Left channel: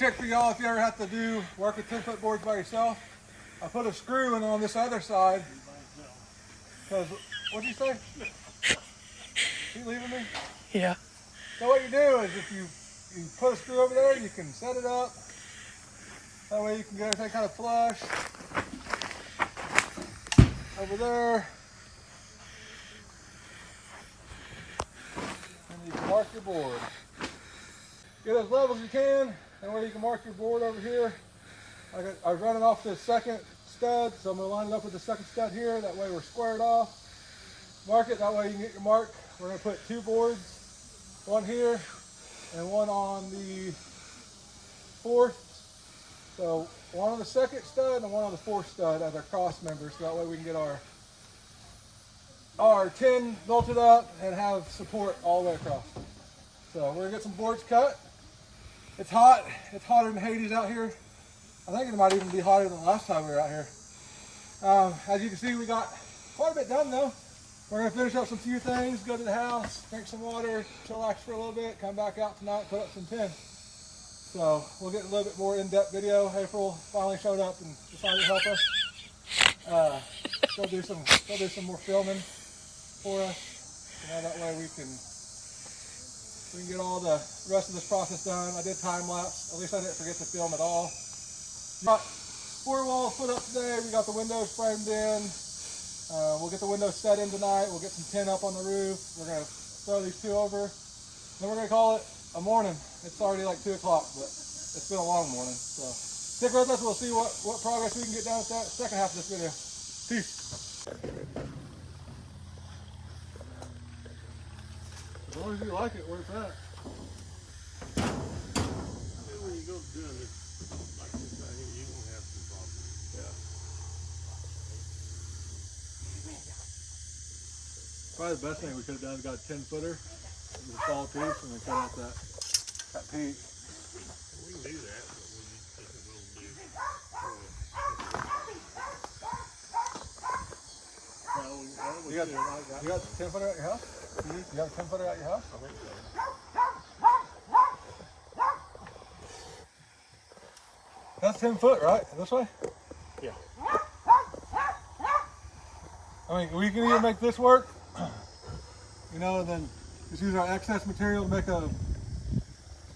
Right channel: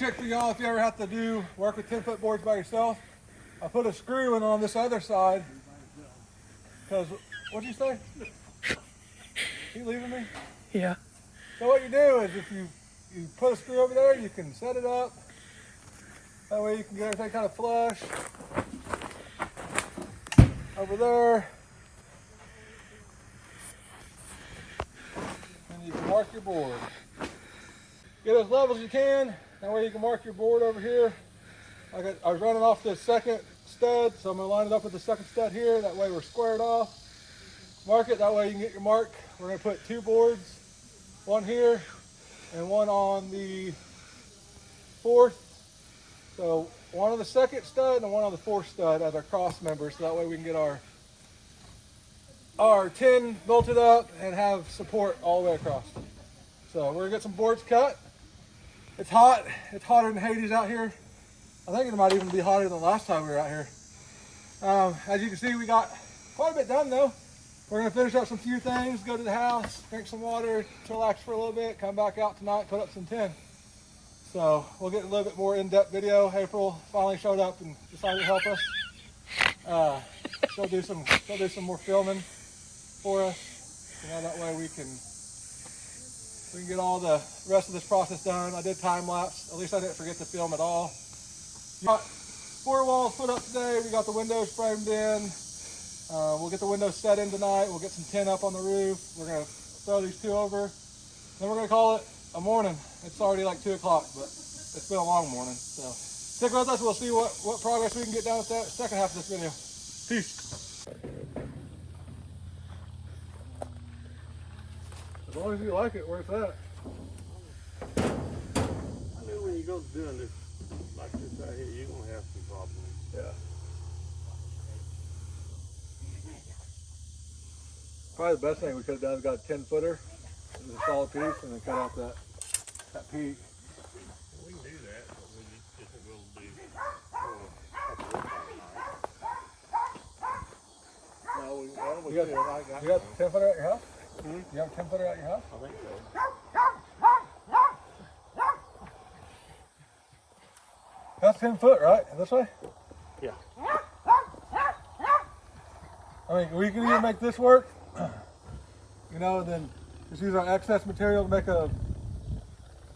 trick for y'all if you ever have to work with 10-foot boards by yourself. I put a screw in on this other side. Because, what'd you say? You leaving me? Yeah. So what you do is if you put a screw over there, you can set it up. That way you can get everything kind of flush. Over there. And you can mark your board. Get as level as you can. That way you can mark your board over here. I was running off the second stud, so I'm going to line it up with the second stud here. That way we're squared off. Mark it, that way you can get your mark. We're going to put 2 boards, one here and one on the 4th. So one on the second stud and one on the 4th stud as our cross members, so that way we can get our 10 bolted up and have support all the way across. So we're going to get some boards cut. It's hot. It's hotter than Hades out here. I think it might even be hotter than the last time we were out here. As you can see, we got quite a bit done though. We're going to finish up some few things, go to the house, drink some water, chillax for a little bit, come back out tonight, put up some 10. So we'll get a little bit more in-depth video. April finally showed up and decided to help us. She'll do some more filming for us. You know, that way we can get all the rest of this process done. I did time lapse. At least I didn't forget to film at all. Got 4 walls put up today. We got the windows framed in. We'll get the windows set in tonight. We'll get some tin up on the roof. We're going to throw these 2 over. Then we're going to call it a morning. It's already like 2 o'clock, but it's been a long morning. So stick with us. We'll see what progress we can get done with that second half of this video. Peace. As long as you like it, where it's at. I knew when you go doing this like this out here, you're going to have some problems. Yeah. Probably the best thing we could have done is got a 10-footer, and a solid piece, and then cut out that piece. We can do that, but we just will do. You got a 10-footer at your house? Mm-hmm. You have a 10-footer at your house? I think so. That's 10 foot, right? This way? Yeah. I mean, we can either make this work, you know, and then just use our excess material to make a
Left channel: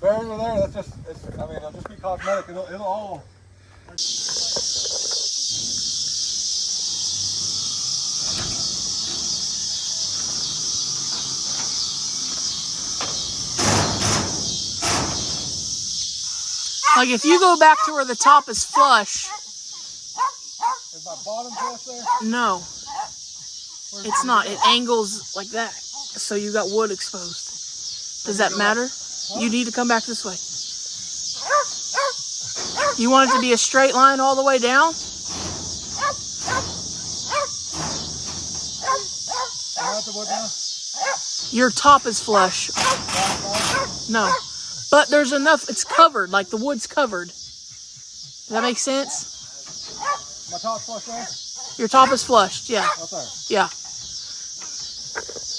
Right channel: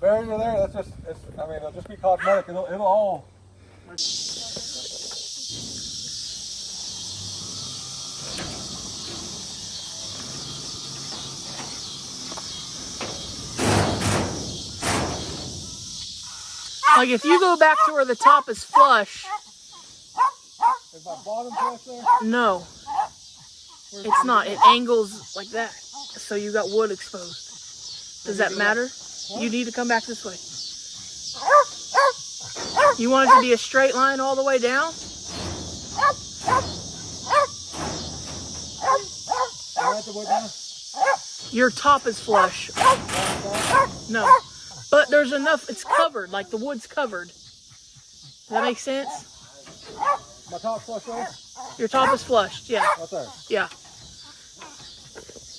barrier there. That's just, I mean, it'll just be cosmetic. It'll all. Like if you go back to where the top is flush. Is my bottom flush there? No. It's not. It angles like that. So you got wood exposed. Does that matter? Huh? You need to come back this way. You want it to be a straight line all the way down? Am I at the wood now? Your top is flush. No. But there's enough, it's covered, like the wood's covered. Does that make sense? My top's flush there? Your top is flushed, yeah. Right there? Yeah.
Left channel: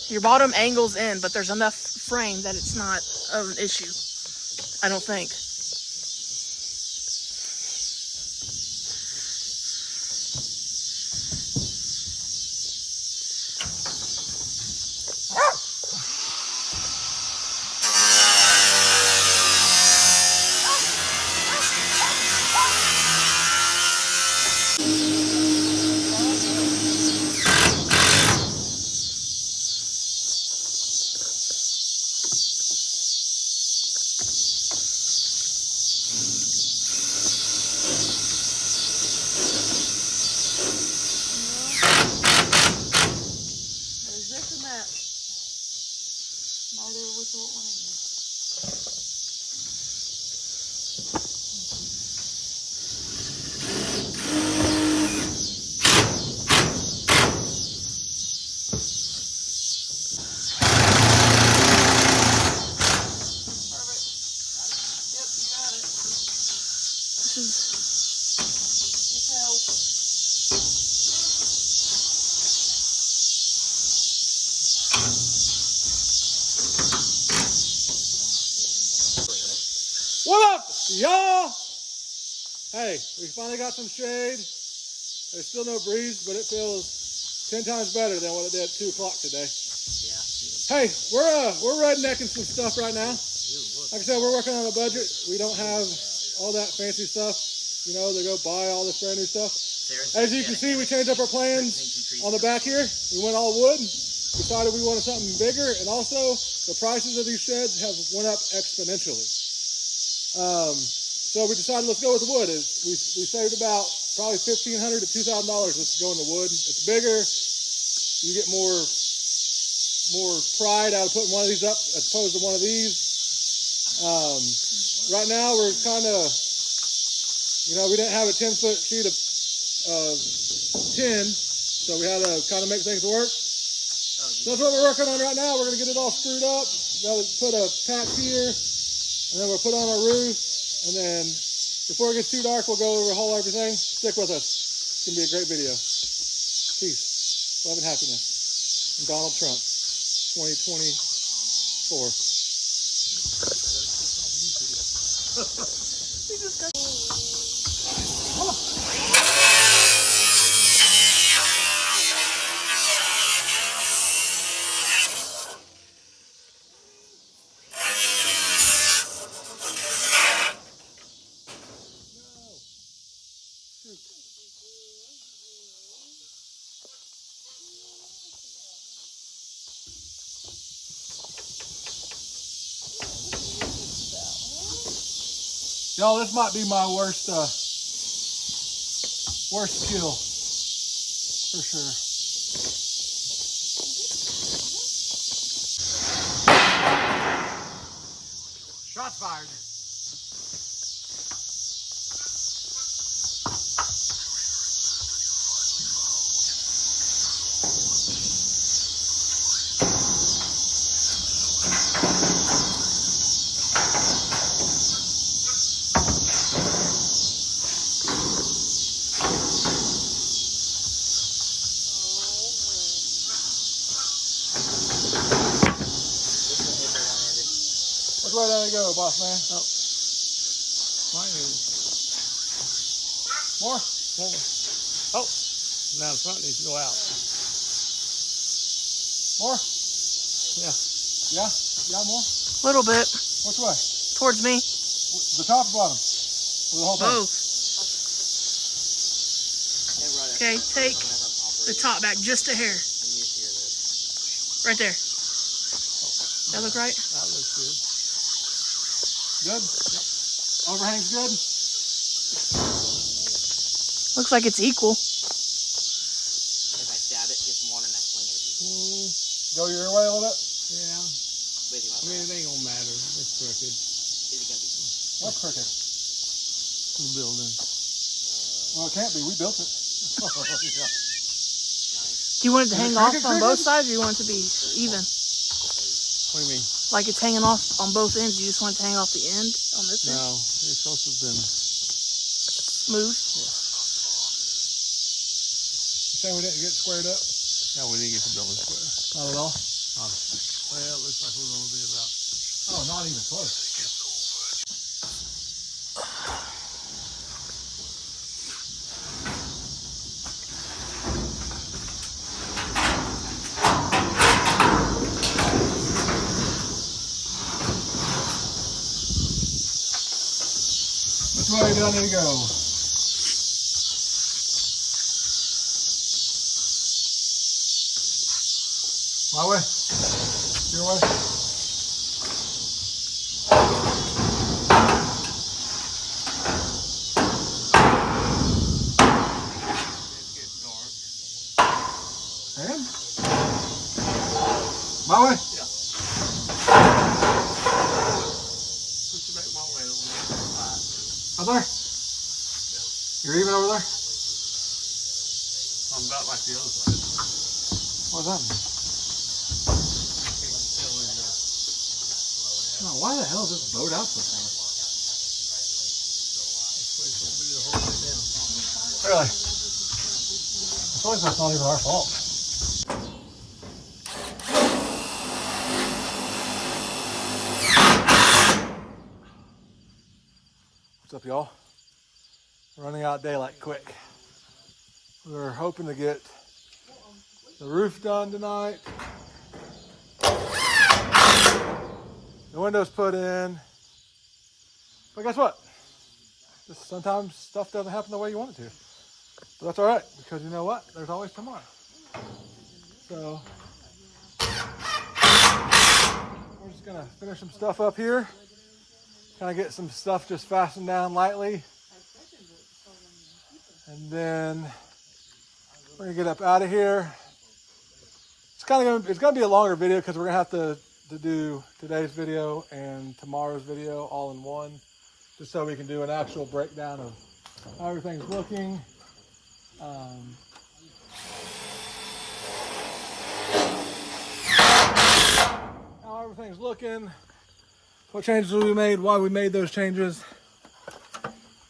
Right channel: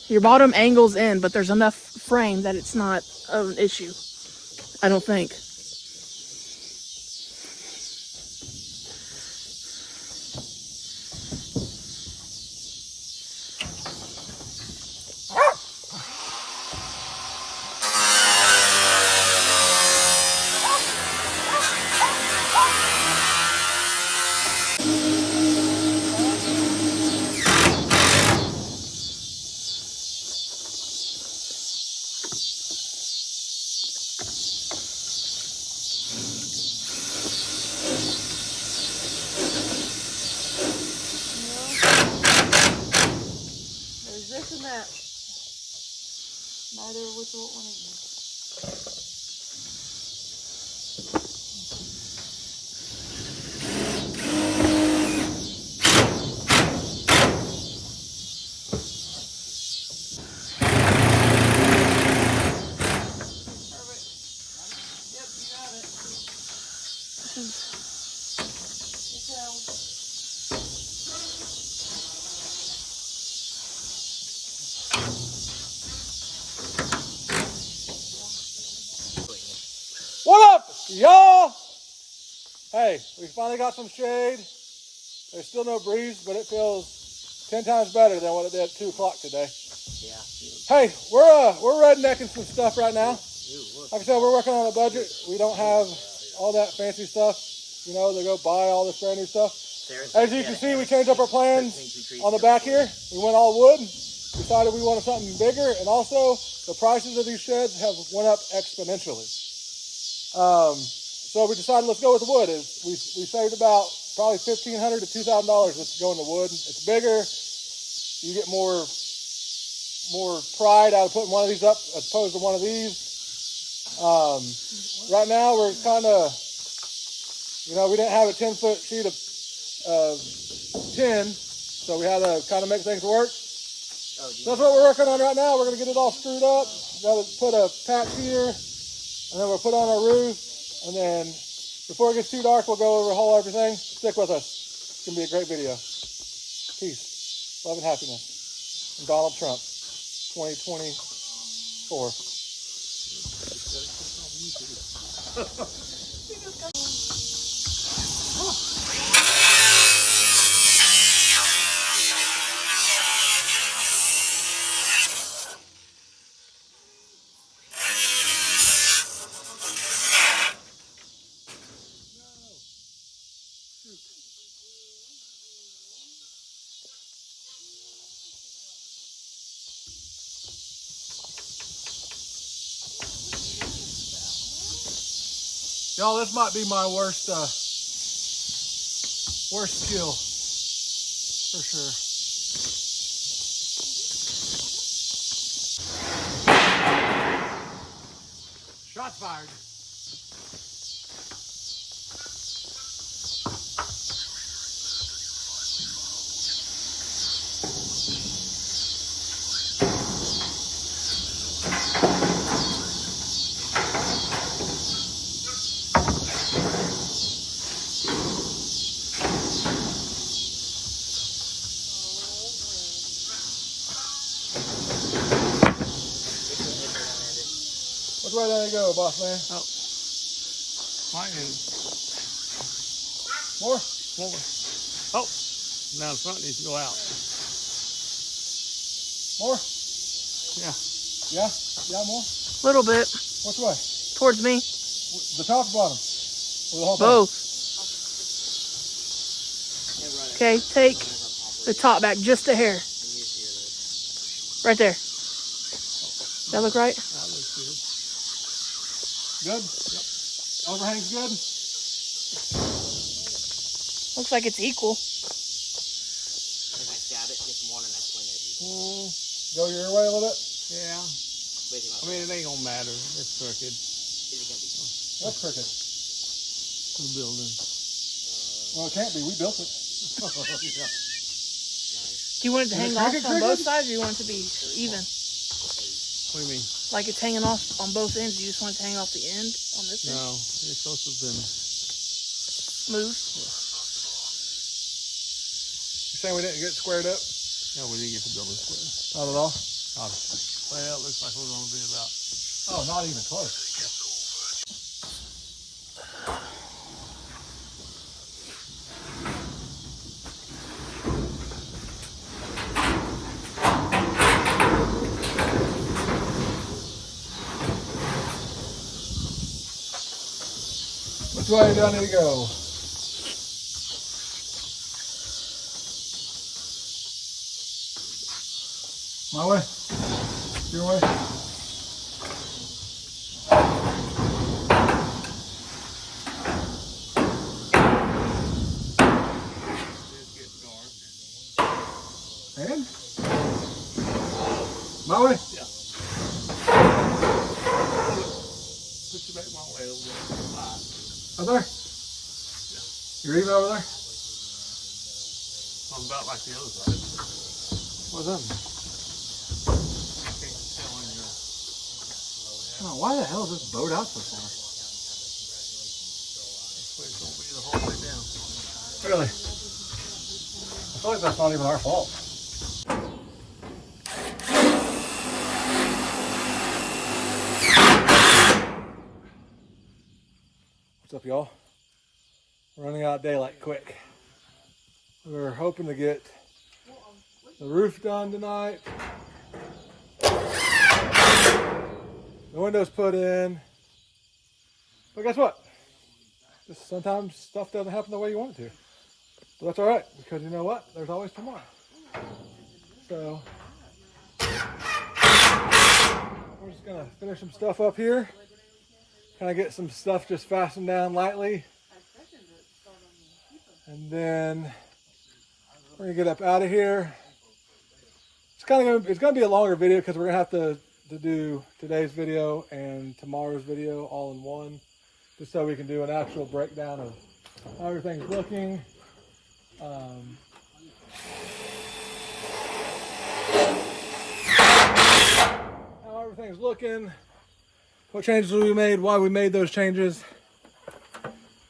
Your bottom angles in, but there's enough frame that it's not an issue. I don't think. Y'all, hey, we finally got some shade. There's still no breeze, but it feels 10 times better than what it did at 2 o'clock today. Yeah. Hey, we're rednecking some stuff right now. Like I said, we're working on a budget. We don't have all that fancy stuff, you know, to go buy all this brand new stuff. As you can see, we changed up our plans on the back here. We went all wood, decided we wanted something bigger, and also the prices of these sheds have went up exponentially. So we decided let's go with the wood. We saved about probably $1,500 to $2,000 just going to wood. It's bigger. You get more pride out of putting one of these up as opposed to one of these. Right now we're kind of, you know, we didn't have a 10-foot sheet of tin, so we had to kind of make things work. So that's what we're working on right now. We're going to get it all screwed up. Got to put a patch here, and then we'll put on our roof, and then before it gets too dark, we'll go over the whole everything. Stick with us. It's going to be a great video. Peace, love, and happiness. From Donald Trump, 2024. Y'all, this might be my worst kill, for sure. Shots fired. Which way did it go, boss man? More? Oh, now the front needs to go out. More? Yeah. Yeah? Yeah, more? Little bit. Which way? Towards me. The top or bottom? Or the whole thing? Both. Okay, take the top back just a hair. Right there. That look right? That looks good. Good? Overhang's good? Looks like it's equal. As I stab it, get some water and I swing it. Go your way a little bit? Yeah. I mean, it ain't gonna matter. It's crooked. Is it gonna be? What's crooked? The building. Well, it can't be. We built it. Do you want it to hang off crooked, on both crooked? sides, or you want it to be even? What do you mean? Like it's hanging off on both ends. You just want it to hang off the end on this No, end? it's supposed to have been. Smooth. You saying we didn't get squared up? No, we didn't get the building square. Not at all? Well, it looks like we're gonna do about. Oh, not even close. Which way do I need to go? My way? Your way? It gets dark. And? My way? Yeah. Put you back my way over there. Over there? You're even over there? I'm about like the other side. What's that mean? Can't tell when you're. Oh, why the hell is this boat out so far? It's gonna be the whole way down. Really? I feel like that's not even our fault. What's up, y'all? Running out of daylight quick. We're hoping to get the roof done tonight. The windows put in. But guess what? Just sometimes stuff doesn't happen the way you want it to. But that's all right, because you know what? There's always tomorrow. So we're just gonna finish some stuff up here. Kind of get some stuff just fastened down lightly. And then we're gonna get up out of here. It's gonna be a longer video because we're gonna have to do today's video and tomorrow's video all in one, just so we can do an actual breakdown of how everything's looking. How everything's looking, what changes we made, why we made those changes.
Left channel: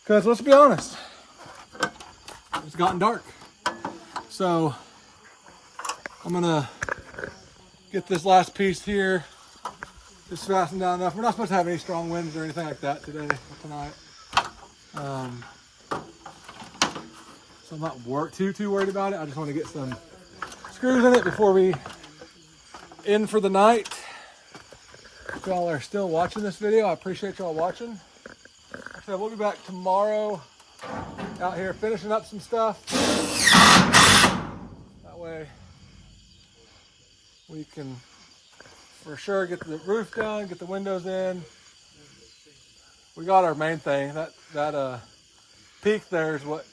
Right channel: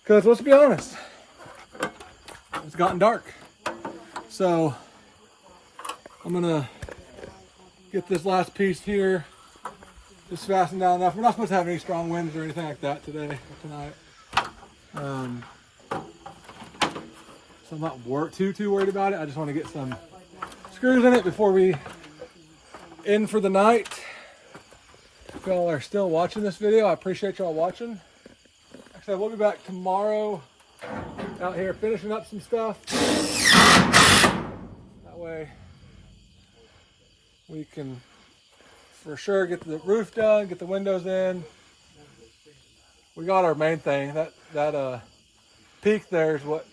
Because let's be honest, it's gotten dark. So I'm gonna get this last piece here. It's fastened down enough. We're not supposed to have any strong winds or anything like that today or tonight. So I'm not too worried about it. I just want to get some screws in it before we end for the night. If y'all are still watching this video, I appreciate y'all watching. Like I said, we'll be back tomorrow out here finishing up some stuff. That way we can for sure get the roof done, get the windows in. We got our main thing. That peak there is what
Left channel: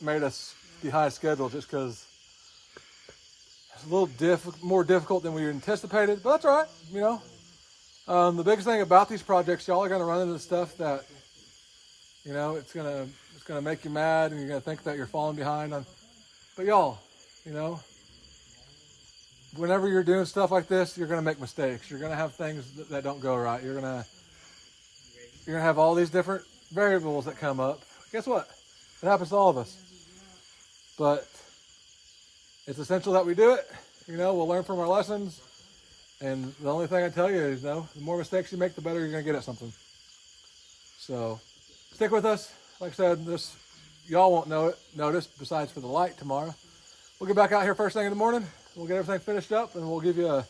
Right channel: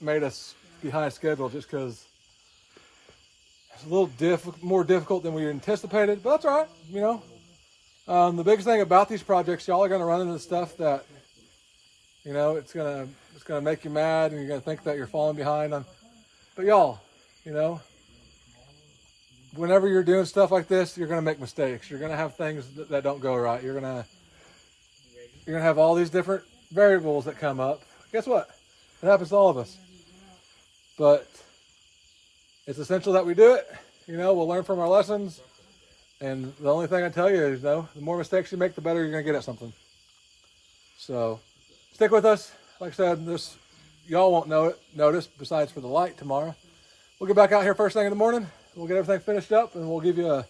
made us behind schedule, just because it's a little more difficult than we anticipated, but that's all right, you know. The biggest thing about these projects, y'all are gonna run into stuff that, you know, it's gonna make you mad, and you're gonna think that you're falling behind on. But y'all, you know, whenever you're doing stuff like this, you're gonna make mistakes. You're gonna have things that don't go right. You're gonna have all these different variables that come up. Guess what? It happens to all of us. But it's essential that we do it. You know, we'll learn from our lessons. And the only thing I tell you is, you know, the more mistakes you make, the better you're gonna get at something. So stick with us. Like I said, y'all won't notice besides for the light tomorrow. We'll get back out here first thing in the morning. We'll get everything finished up, and we'll give you a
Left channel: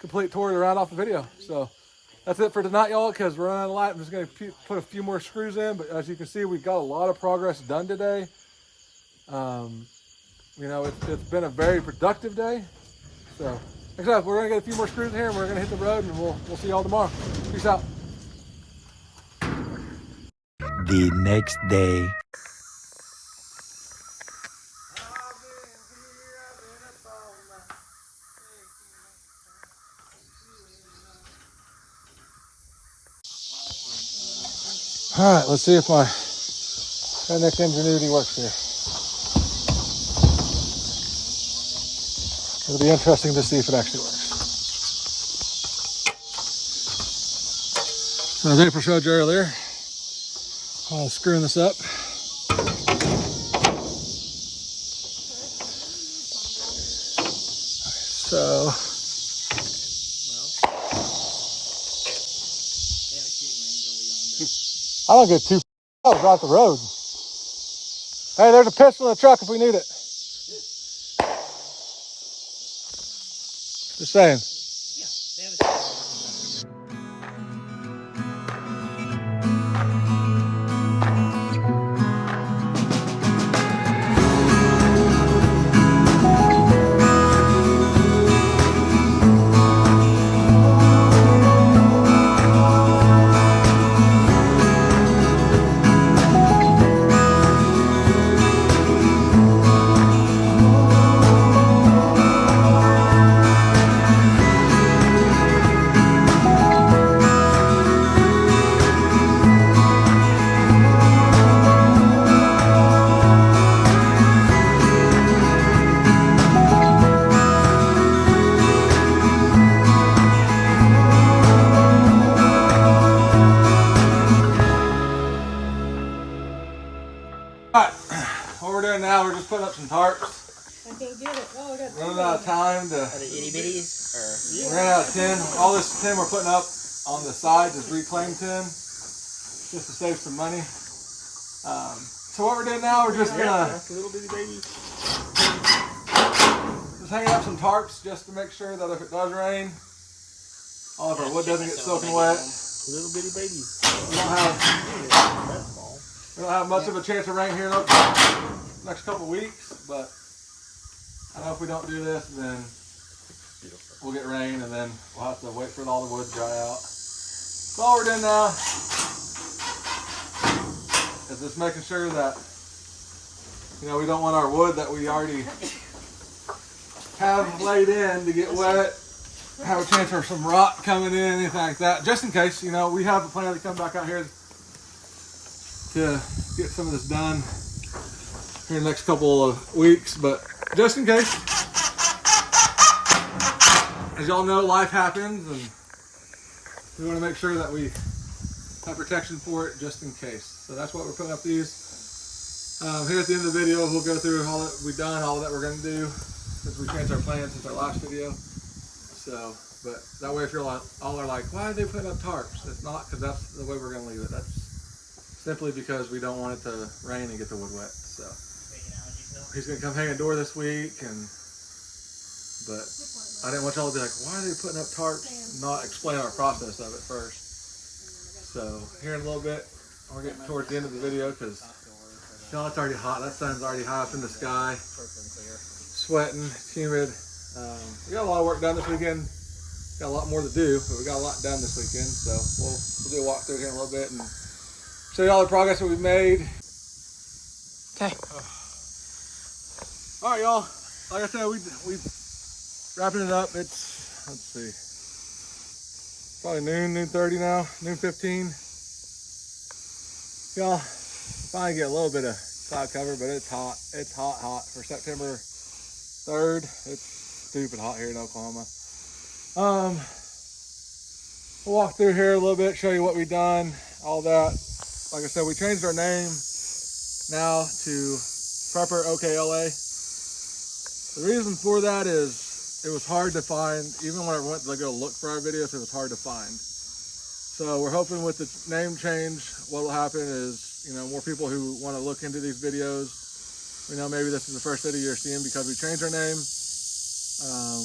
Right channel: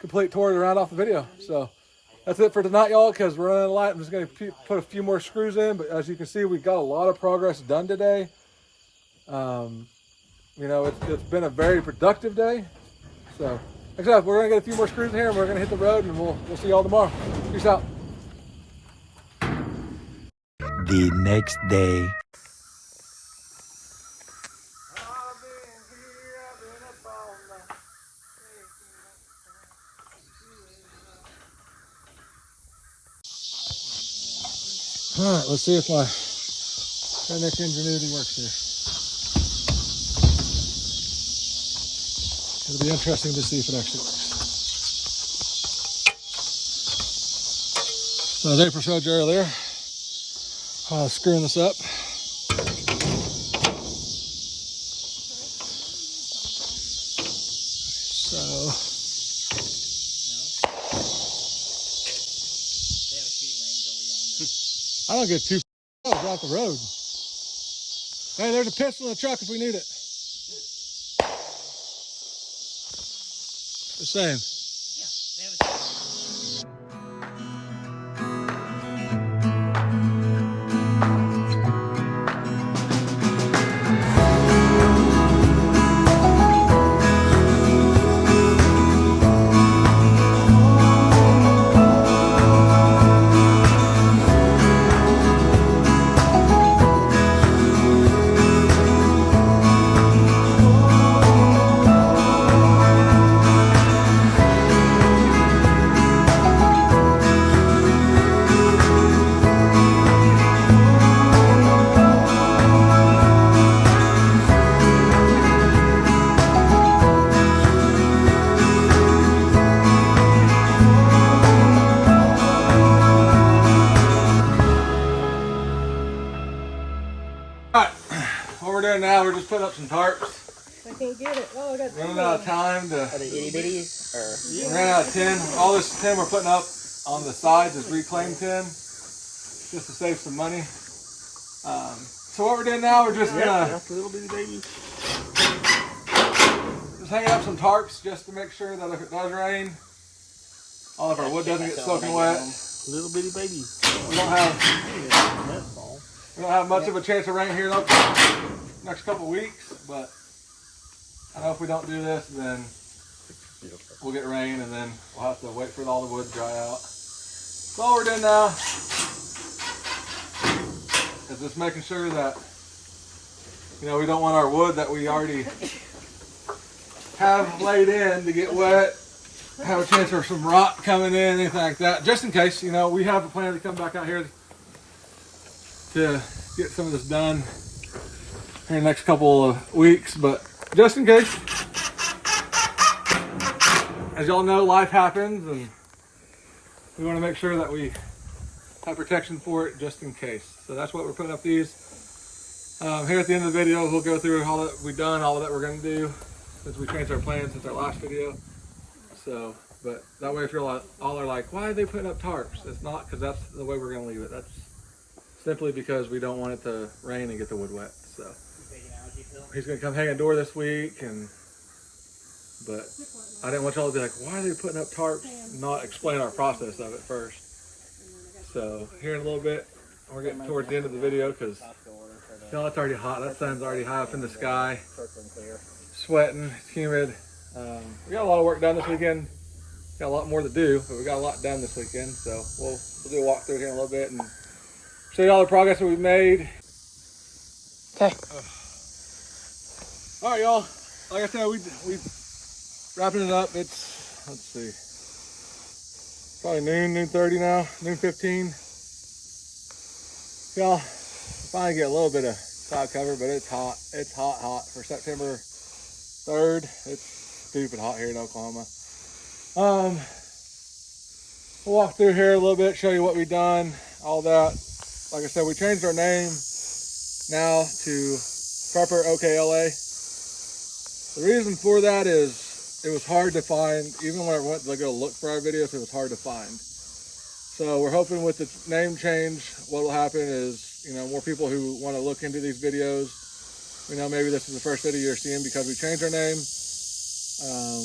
complete tour to round off the video. So that's it for tonight, y'all, because we're running out of light. I'm just going to put a few more screws in, but as you can see, we've got a lot of progress done today. You know, it's been a very productive day. So, like I said, we're going to get a few more screws in here, and we're going to hit the road, and we'll see y'all tomorrow. Peace out. The next day. All right, let's see if my Fennec ingenuity works here. It'll be interesting to see if it actually works. So as April showed you earlier, screwing this up. So I don't get too off the road. Hey, there's a pistol in the truck if we need it. Just saying. Now we're just putting up some tarps. I can't get it. Oh, I got running out of time to. Are they itty bitties? We ran out of tin. All this tin we're putting up on the sides is reclaimed tin, just to save some money. So what we're doing now, we're just gonna That's a little bitty baby. just hanging up some tarps just to make sure that if it does rain, all of our wood doesn't get soaking wet. Little bitty baby. We don't have much of a chance of rain here in the next couple weeks, but I know if we don't do this, then we'll get rain, and then we'll have to wait for all the wood to dry out. So all we're doing now is just making sure that, you know, we don't want our wood that we already have laid in to get wet, have a chance for some rot coming in, anything like that. Just in case, you know, we have a plan to come back out here to get some of this done here in the next couple of weeks, but just in case, as y'all know, life happens, and we want to make sure that we have protection for it just in case. So that's what we're putting up these. Here at the end of the video, we'll go through all that we've done, all that we're going to do, since we changed our plans since our last video. So, but that way if you're all are like, why are they putting up tarps? It's not because that's the way we're going to leave it. That's simply because we don't want it to rain and get the wood wet. So he's going to come hang a door this week, but I didn't want y'all to be like, why are they putting up tarps? Not explain our process of it first. So here in a little bit, we're getting towards the end of the video because you know, it's already hot. That sun's already high up in the sky. Sweating, it's humid. We got a lot of work done this weekend. Got a lot more to do, but we got a lot done this weekend. So we'll do a walkthrough here in a little bit and show you all the progress that we've made. Okay. All right, y'all. Like I said, we wrapping it up. It's, let's see, probably noon 30 now, noon 15. Y'all, finally get a little bit of cloud cover, but it's hot. It's hot for September 3rd. It's stupid hot here in Oklahoma. We'll walk through here a little bit, show you what we've done, all that. Like I said, we changed our name now to Prepper OKLA. The reason for that is it was hard to find, even when I went to go look for our videos, it was hard to find. So we're hoping with the name change, what will happen is, you know, more people who want to look into these videos, you know, maybe this is the first video you're seeing because we changed our name,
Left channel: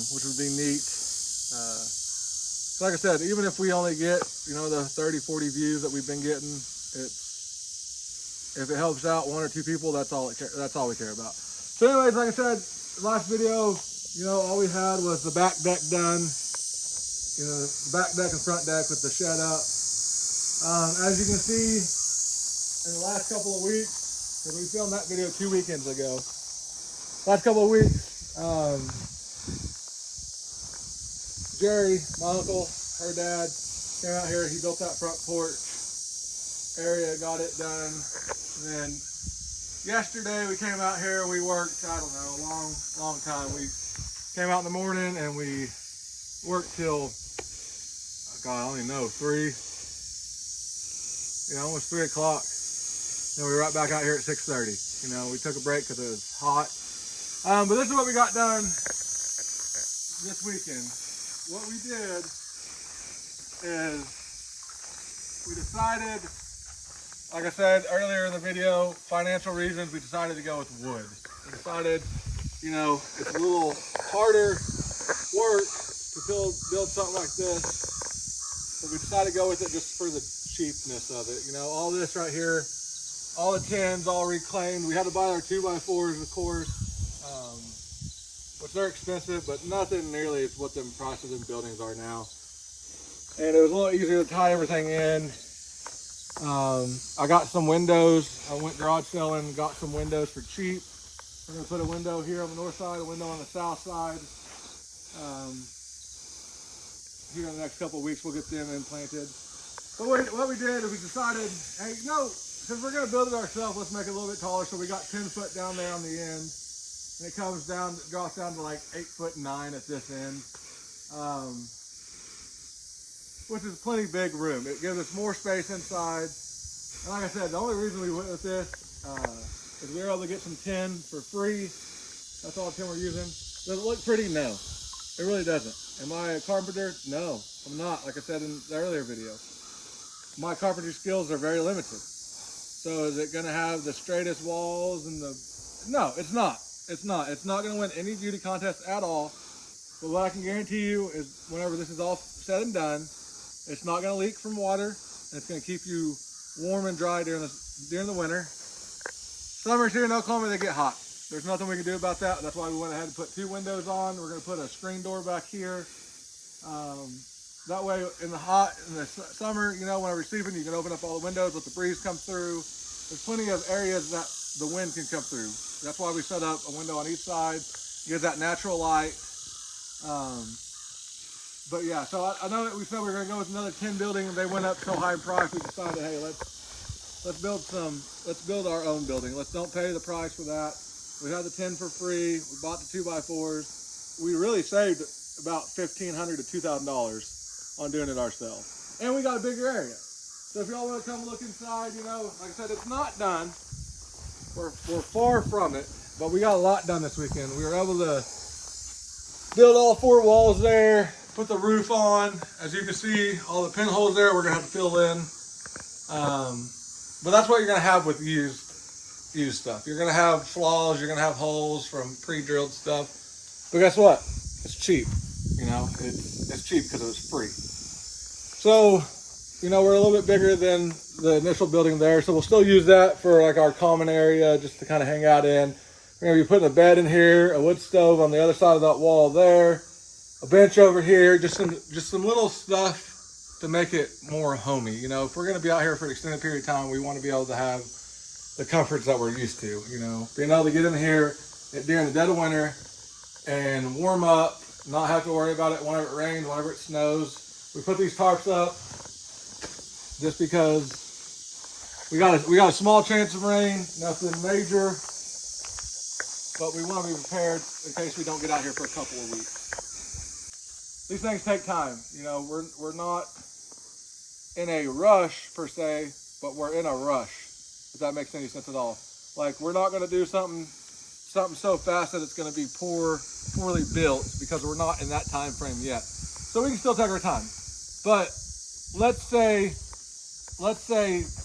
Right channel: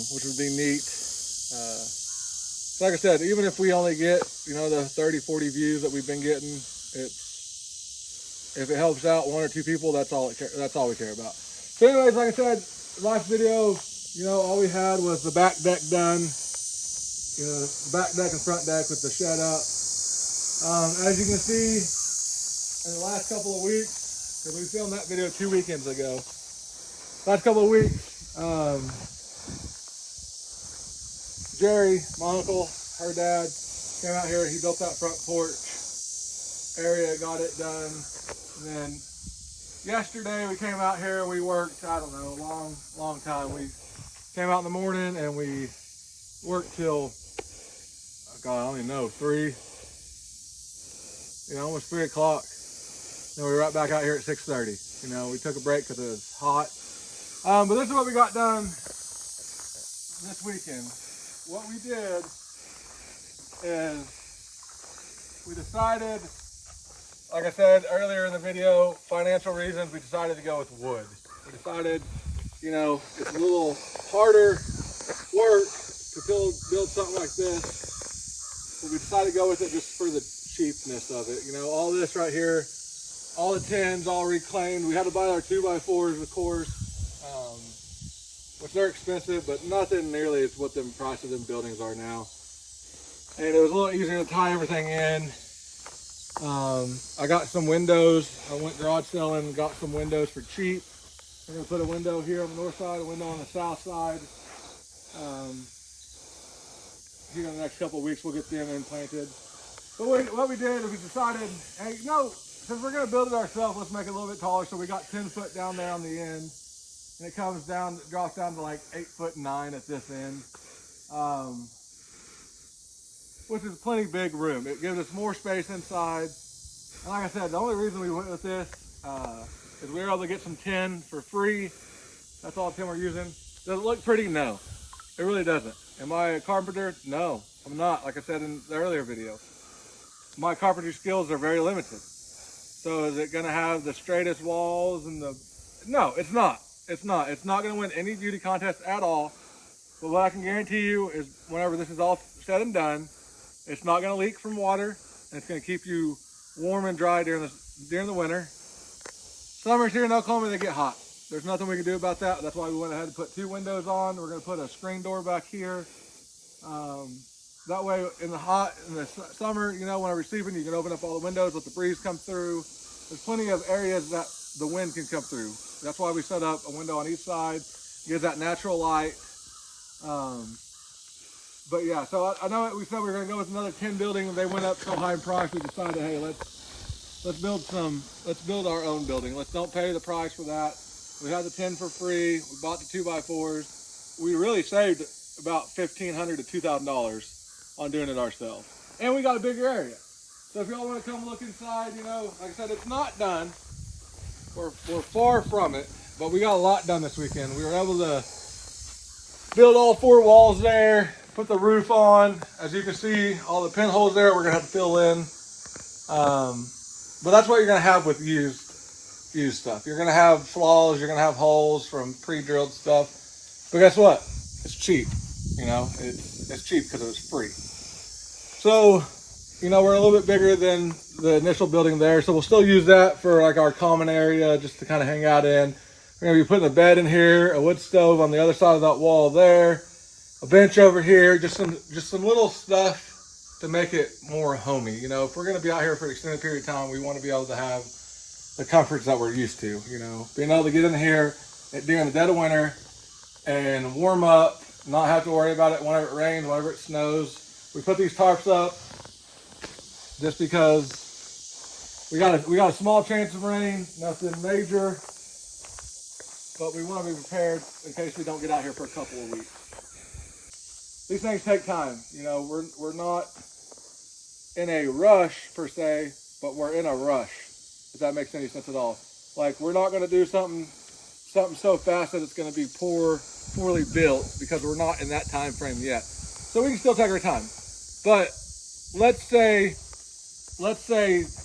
which would be neat. So like I said, even if we only get, you know, the 30, 40 views that we've been getting, if it helps out one or two people, that's all we care about. So anyways, like I said, last video, you know, all we had was the back deck done, you know, the back deck and front deck with the shed up. As you can see, in the last couple of weeks, because we filmed that video 2 weekends ago, last couple of weeks, Jerry, my uncle, her dad, came out here. He built that front porch area, got it done. And then yesterday we came out here, we worked, I don't know, a long time. We came out in the morning and we worked till, God, I don't even know, 3, you know, almost 3 o'clock. And we were right back out here at 6:30. You know, we took a break because it was hot. But this is what we got done this weekend. What we did is we decided, like I said earlier in the video, financial reasons, we decided to go with wood. We decided, you know, it's a little harder work to build something like this, but we decided to go with it just for the cheapness of it. You know, all this right here, all the tins, all reclaimed. We had to buy our 2x4s, of course, which they're expensive, but nothing nearly as what the price of them buildings are now. And it was a little easier to tie everything in. I got some windows. I went garage selling and got some windows for cheap. We're gonna put a window here on the north side, a window on the south side. Here in the next couple of weeks, we'll get them implanted. But what we did is we decided, hey, you know, since we're gonna build it ourselves, let's make it a little bit taller. So we got 10 foot down there on the end. And it comes down, drops down to like 8'9" at this end. Which is plenty big room. It gives us more space inside. And like I said, the only reason we went with this is we were able to get some tin for free. That's all the tin we're using. Does it look pretty? No, it really doesn't. Am I a carpenter? No, I'm not. Like I said in the earlier video, my carpentry skills are very limited. So So is it gonna have the straightest walls and the, no, it's not. It's not gonna win any beauty contest at all. But what I can guarantee you is whenever this is all said and done, it's not gonna leak from water, and it's gonna keep you warm and dry during the winter. Summers here in Oklahoma, they get hot. There's nothing we can do about that. That's why we went ahead and put 2 windows on. We're gonna put a screen door back here. That way in the summer, you know, when we're sleeping, you can open up all the windows, let the breeze come through. There's plenty of areas that the wind can come through. That's why we set up a window on each side, gives that natural light. But yeah, so I know that we said we were gonna go with another 10 building, and they went up so high in price, we decided, hey, let's build our own building. Let's don't pay the price for that. We had the 10 for free. We bought the 2x4s. We really saved about $1,500 to $2,000 on doing it ourselves. And we got a bigger area. So if y'all want to come look inside, you know, like I said, it's not done. We're far from it, but we got a lot done this weekend. We were able to build all 4 walls there, put the roof on. As you can see, all the pinholes there, we're gonna have to fill in. But that's what you're gonna have with used stuff. You're gonna have flaws, you're gonna have holes from pre-drilled stuff. But guess what? It's cheap. You know, it's cheap because it was free. So, you know, we're a little bit bigger than the initial building there, so we'll still use that for like our common area just to kind of hang out in. We're gonna be putting a bed in here, a wood stove on the other side of that wall there, a bench over here, just some little stuff to make it more homey. You know, if we're gonna be out here for an extended period of time, we want to be able to have the comforts that we're used to. You know, being able to get in here during the dead of winter and warm up, not have to worry about it whenever it rains, whenever it snows. We put these tarps up just because we got a small chance of rain, nothing major, but we want to be prepared in case we don't get out here for a couple of weeks. These things take time. You know, we're not in a rush per se, but we're in a rush, if that makes any sense at all. Like, we're not going to do something so fast that it's going to be poorly built, because we're not in that time frame yet. So we can still take our time. But let's say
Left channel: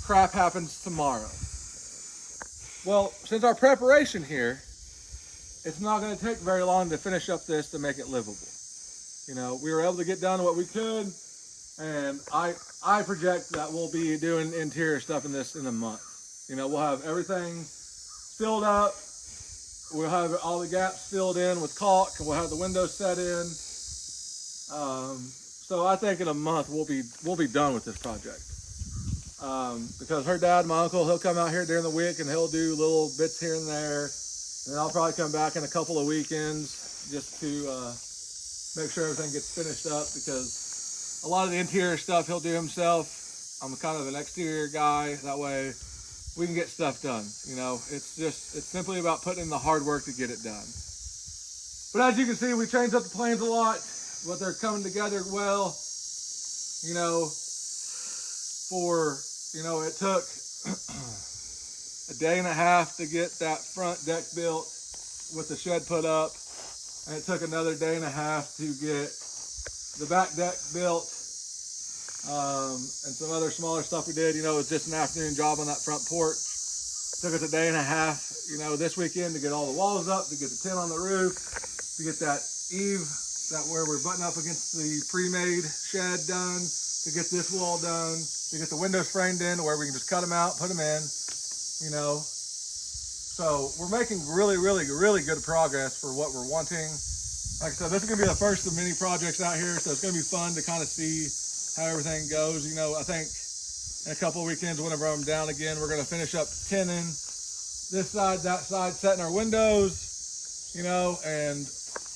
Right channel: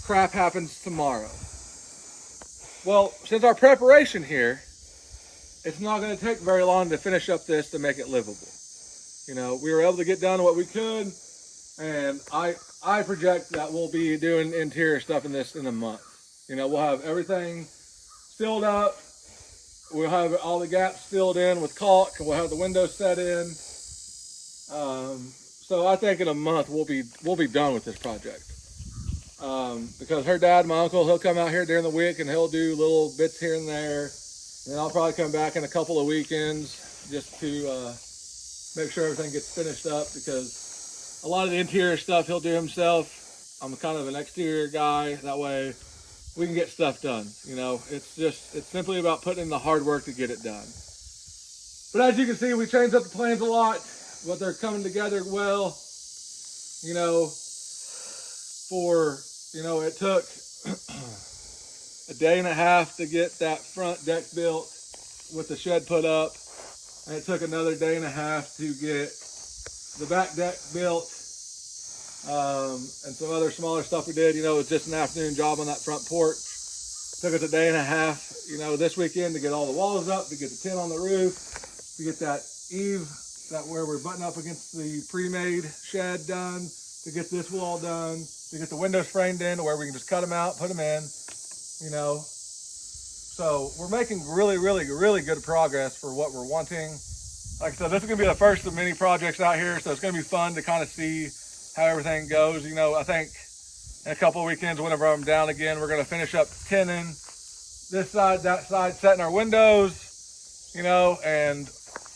crap happens tomorrow. Well, since our preparation here, it's not going to take very long to finish up this to make it livable. You know, we were able to get done what we could, and I project that we'll be doing interior stuff in this in a month. You know, we'll have everything filled up. We'll have all the gaps filled in with caulk, and we'll have the windows set in. So I think in a month we'll be done with this project. Because her dad, my uncle, he'll come out here during the week and he'll do little bits here and there. And then I'll probably come back in a couple of weekends just to make sure everything gets finished up, because a lot of the interior stuff he'll do himself. I'm kind of an exterior guy. That way we can get stuff done. You know, it's simply about putting in the hard work to get it done. But as you can see, we changed up the plans a lot, but they're coming together well. You know, it took a day and a half to get that front deck built with the shed put up. And it took another day and a half to get the back deck built. And some other smaller stuff we did. You know, it was just an afternoon job on that front porch. Took us a day and a half, you know, this weekend to get all the walls up, to get the tent on the roof, to get that eave, that where we're butting up against the pre-made shed done, to get this wall done, to get the windows framed in, where we can just cut them out, put them in, you know. So we're making really, really, really good progress for what we're wanting. Like I said, this is going to be the first of many projects out here, so it's going to be fun to kind of see how everything goes. You know, I think in a couple of weekends, whenever I'm down again, we're going to finish up tinning this side, that side, setting our windows, you know, and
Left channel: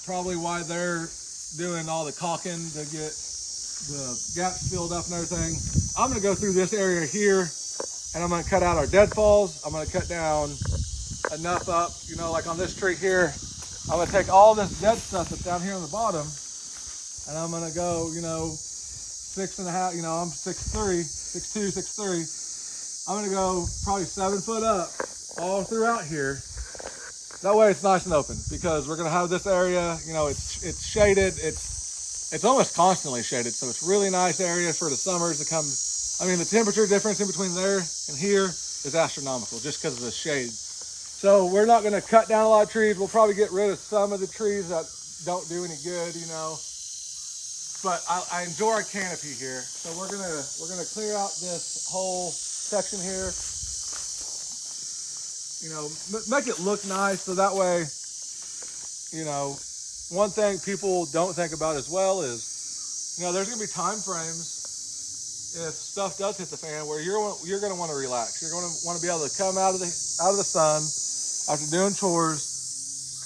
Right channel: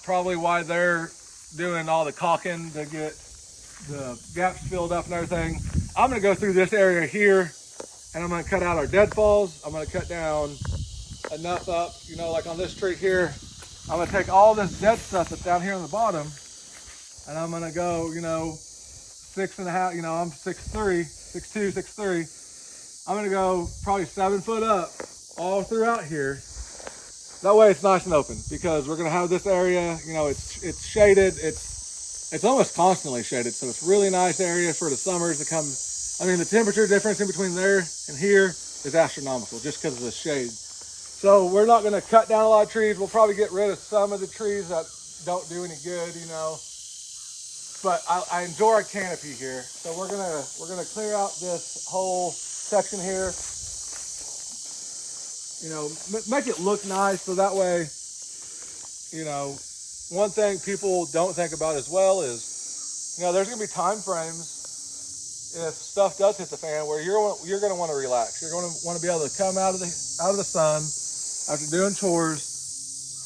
probably why they're doing all the caulking to get the gaps filled up and everything. I'm going to go through this area here, and I'm going to cut out our deadfalls. I'm going to cut down enough up, you know, like on this tree here. I'm going to take all this dead stuff that's down here on the bottom, and I'm going to go, you know, 6.5, you know, I'm 6'3", 6'2", 6'3". I'm going to go probably 7 foot up all throughout here. That way it's nice and open, because we're going to have this area, you know, it's shaded. It's almost constantly shaded, so it's really nice area for the summers to come. I mean, the temperature difference in between there and here is astronomical just because of the shade. So we're not going to cut down a lot of trees. We'll probably get rid of some of the trees that don't do any good, you know. But I enjoy our canopy here. So we're gonna clear out this whole section here. You know, make it look nice so that way, you know, one thing people don't think about as well is, you know, there's gonna be time frames if stuff does hit the fan where you're gonna want to relax. You're gonna want to be able to come out of the sun after doing chores,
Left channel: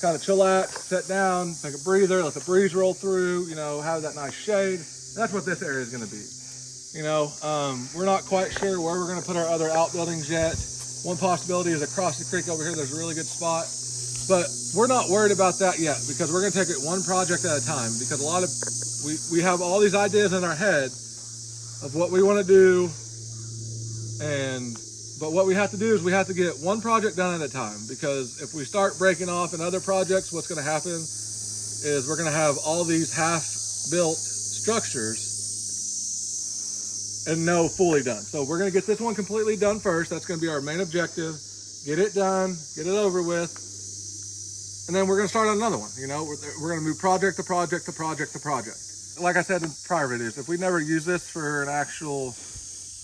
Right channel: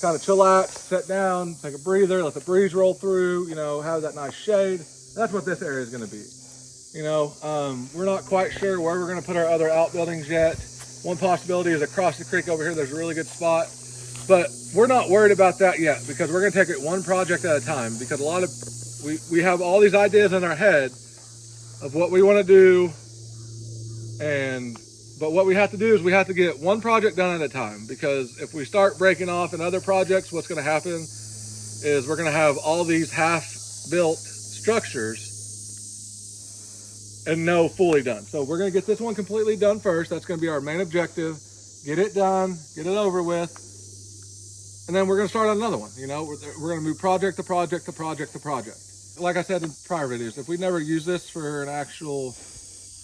kind of chillax, sit down, take a breather, let the breeze roll through, you know, have that nice shade. That's what this area is going to be. You know, we're not quite sure where we're going to put our other outbuildings yet. One possibility is across the creek over here. There's a really good spot, but we're not worried about that yet because we're going to take it one project at a time, because a lot of, we have all these ideas in our head of what we want to do, but what we have to do is we have to get one project done at a time, because if we start breaking off in other projects, what's going to happen is we're going to have all these half-built structures and no fully done. So we're going to get this one completely done first. That's going to be our main objective. Get it done, get it over with, and then we're going to start on another one. You know, we're going to move project to project to project to project. Like I said in prior videos, if we never use this for an actual,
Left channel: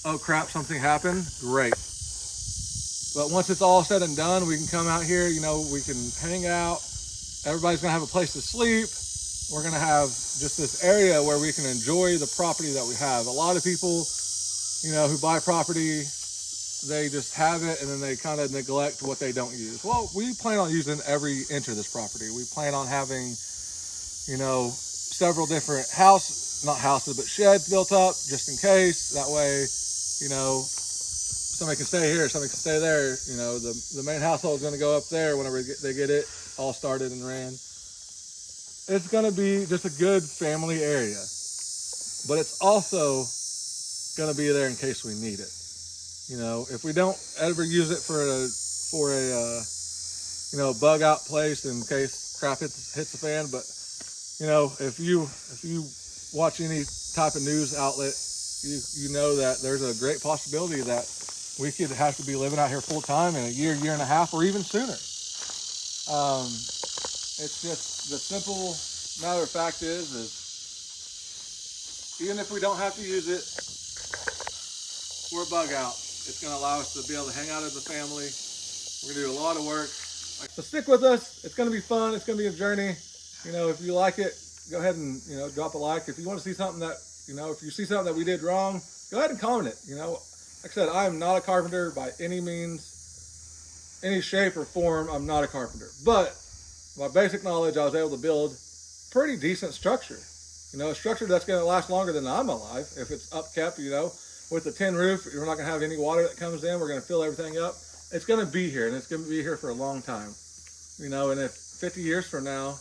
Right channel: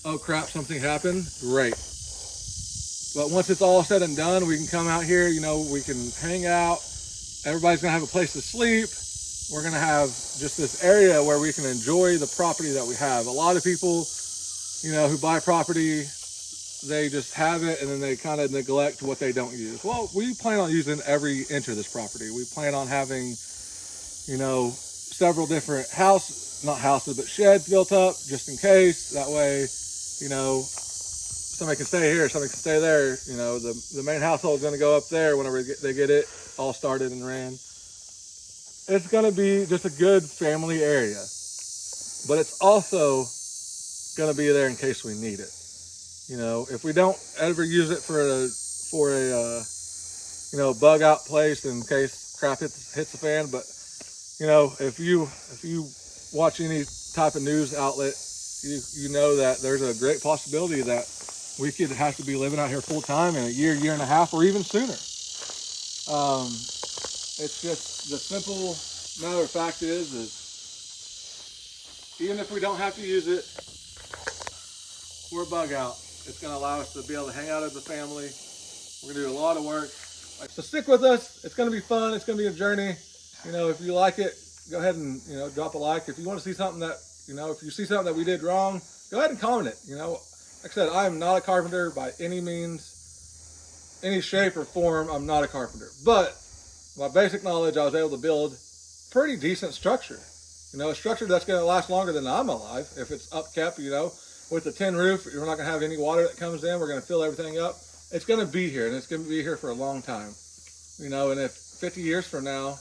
oh crap, something happened, great. But once it's all said and done, we can come out here, you know, we can hang out. Everybody's gonna have a place to sleep. We're gonna have just this area where we can enjoy the property that we have. A lot of people, you know, who buy property, they just have it and then they kind of neglect what they don't use. Well, we plan on using every inch of this property. We plan on having, you know, several different not houses, but sheds built up just in case. That way, you know, somebody can stay here, somebody can stay there. You know, the main household is going to go up there whenever they get it all started and ran. It's going to be just a good family area, but it's also going to be there in case we need it. You know, if we don't ever use it for a you know, bug out place in case crap hits the fan. But you know, if you watch any type of news outlet, you know that there's a great possibility that we could have to be living out here full time in a year and a half, or even sooner. It's just the simple matter of fact is even if we don't have to use it for a bug out, it's going to allow us to be able to hang out as a family. We're going to do a lot of work. So stick with us. It's going to be fun. It's going to be a journey. You know, if you like it, go ahead and, you know, drop a like. If you want to see something that, you know, if you see something that we did wrong, go ahead and comment it. You know, like I said, I am not a carpenter by any means, any shape or form. I'm not a carpenter, but my basic knowledge, I was able to build pretty decent structure. You know, a structure that's going to last longer than I'm alive. If it's upkept, you know, with the tin roof, we're not going to have any water that comes in. We're going to fill everything up. It's going to be here, and it's going to be here for a long time. You know, and if 50 years from now,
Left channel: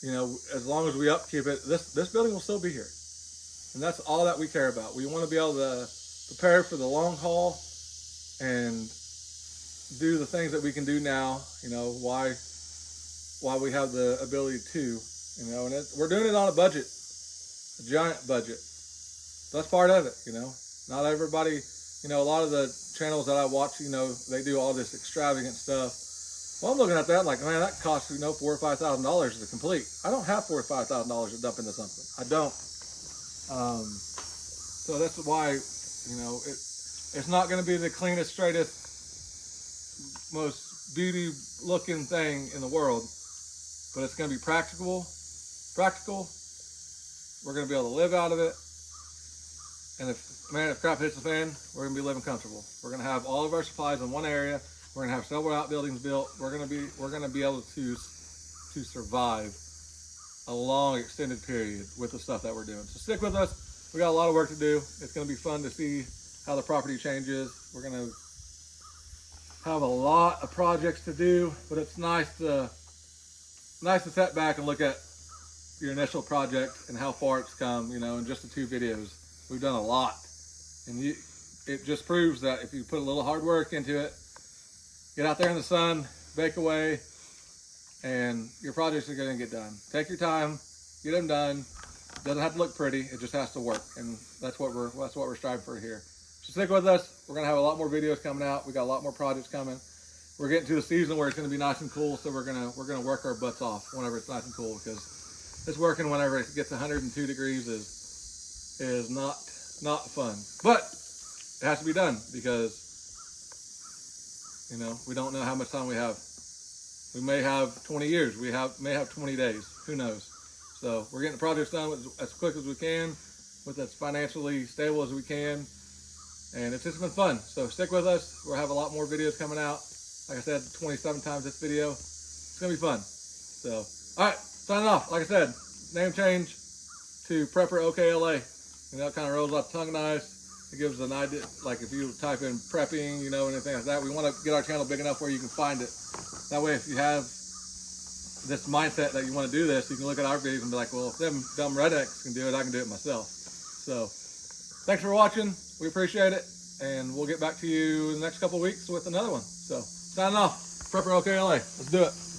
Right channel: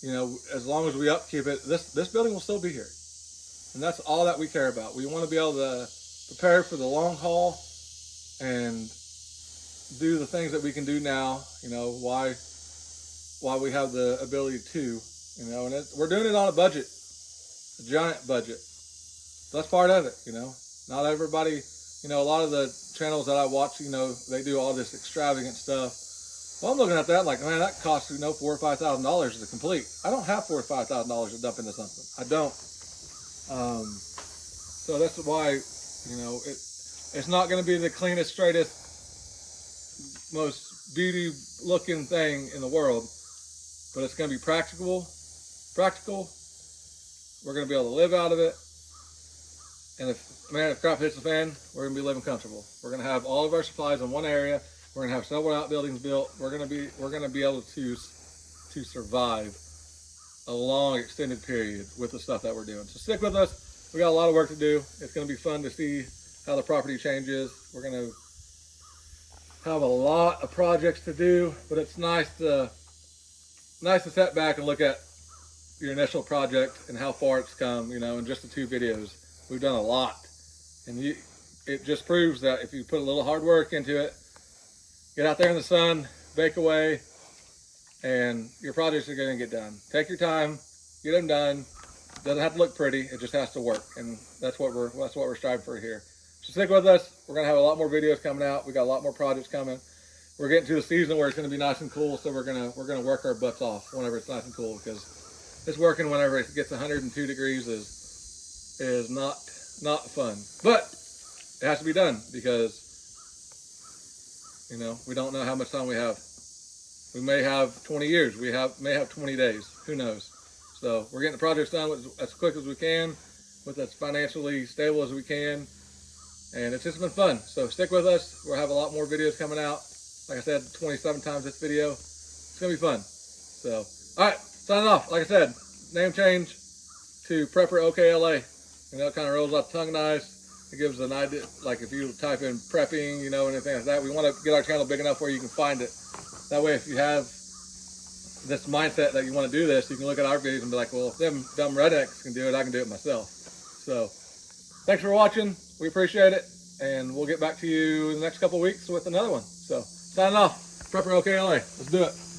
you know, as long as we upkeep it, this building will still be here. And that's all that we care about. We want to be able to prepare for the long haul and do the things that we can do now, you know, why we have the ability to, you know, and we're doing it on a budget, a giant budget. That's part of it, you know. Not everybody, you know, a lot of the channels that I watch, you know, they do all this extravagant stuff. Well, I'm looking at that like, man, that costs, you know, $4,000 or $5,000 to complete. I don't have $4,000 or $5,000 to dump into something. I don't. So that's why, you know, it's not going to be the cleanest, straightest, most beauty looking thing in the world, but it's going to be practical. We're going to be able to live out of it. And if crap hits the fan, we're going to be living comfortable. We're going to have all of our supplies in one area. We're going to have several outbuildings built. We're going to be able to survive a long extended period with the stuff that we're doing. So stick with us. We got a lot of work to do. It's going to be fun to see how the property changes. We're going to have a lot of projects to do, but it's nice to step back and look at your initial project and how far it's come, you know, in just the 2 videos. We've done a lot, and it just proves that if you put a little hard work into it, get out there in the sun, bake away, and your projects are going to get done. Take your time, get them done. It doesn't have to look pretty. It just has to work, and that's what we're striving for here. So So stick with us. We're gonna have a lot more videos coming out. We got a lot more projects coming. We're getting to the season where it's gonna be nice and cool, so we're gonna work our butts off whenever it's nice and cool, because it's working whenever it gets 102 degrees is not fun. But it has to be done because, you know, we don't know how much time we have. We may have 20 years. We may have 20 days. Who knows? So we're getting the projects done as quick as we can, with as financially stable as we can. And it's just been fun. So stick with us. We'll have a lot more videos coming out. Like I said, 27 times this video. It's going to be fun. So, all right, signing off. Like I said, name change to Prepper OKLA. You know, it kind of rolls off the tongue nice. It gives an idea, like if you type in prepping, you know, anything like that. We want to get our channel big enough where you can find it. That way, if you have this mindset that you want to do this, you can look at our videos and be like, well, if them dumb rednecks can do it, I can do it myself. So, thanks for watching. We appreciate it. And we'll get back to you in the next couple of weeks with another one. So, signing off. Prepper OKLA. Let's do it.